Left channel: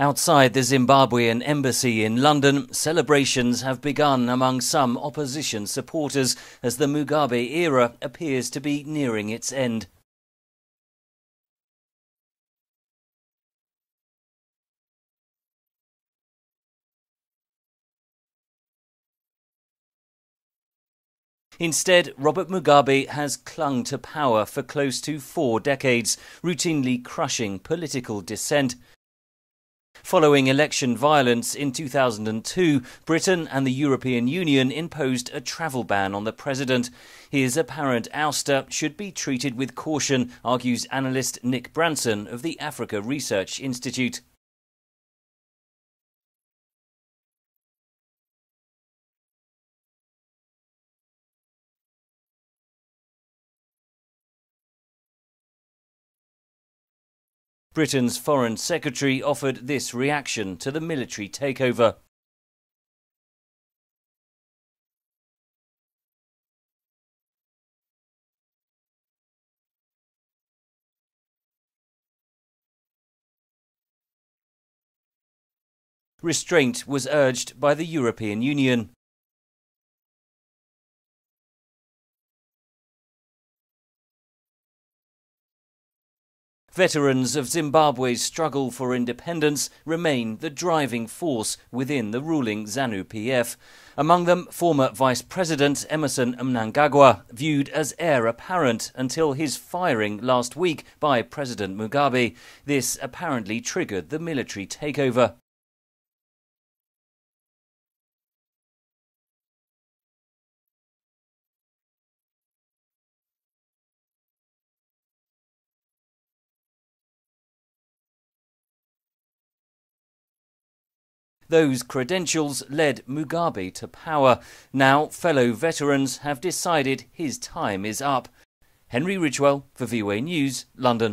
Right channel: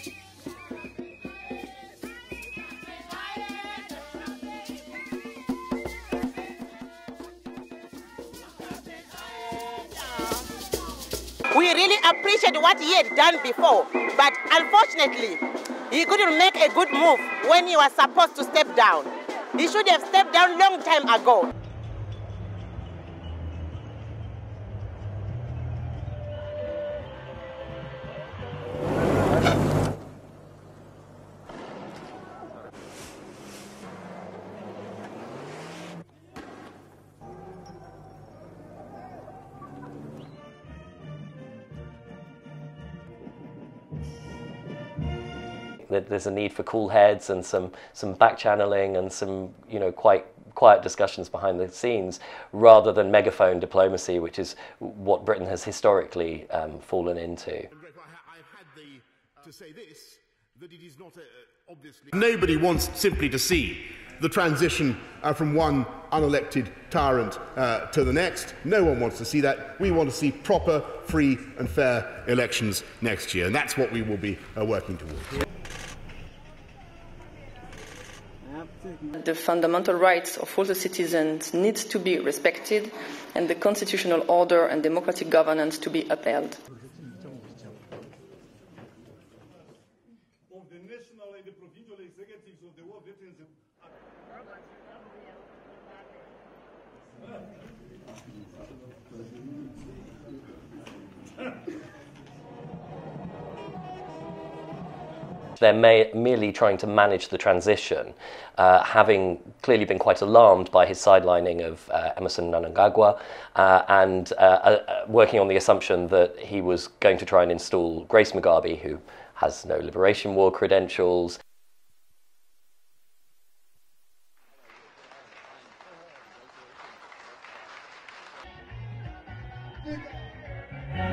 Outside the Zimbabwean Embassy in London, celebrations have begun among some opposition supporters as the Mugabe era appears to be nearing its end. We really appreciate what he had done before, but unfortunately, he couldn't make a good move when he was supposed to step down. He should have stepped down long time ago. Instead, Robert Mugabe has clung to power for close to 4 decades, routinely crushing political dissent. Following election violence in 2002, Britain and the European Union imposed a travel ban on the president. His apparent ouster should be treated with caution, argues analyst Nick Branson of the Africa Research Institute. There's a need for cool heads and some back-channeling and some, quite quiet discussions behind the scenes, rather than megaphone diplomacy, which is what Britain has historically fallen into. Britain's Foreign Secretary offered this reaction to the military takeover. Nobody wants simply to see the transition from one unelected tyrant to the next. No one wants to see that. We want to see proper, free and fair elections next year, and that's what we will be working towards. Restraint was urged by the European Union. The fundamental rights of all the citizens need to be respected and the constitutional order and democratic governance to be upheld. Veterans of Zimbabwe's struggle for independence remain the driving force within the ruling Zanu-PF. Among them, former Vice President Emmerson Mnangagwa, viewed as heir apparent until his firing last week by President Mugabe. This apparently triggered the military takeover. They're merely trying to manage the transition, having clearly been quite alarmed by his sidelining of Emmerson Mnangagwa and working on the assumption that he was going to try and install Grace Mugabe, who has no Liberation War credentials. Those credentials led Mugabe to power. Now fellow veterans have decided his time is up. Henry Ridgewell for VOA News, London.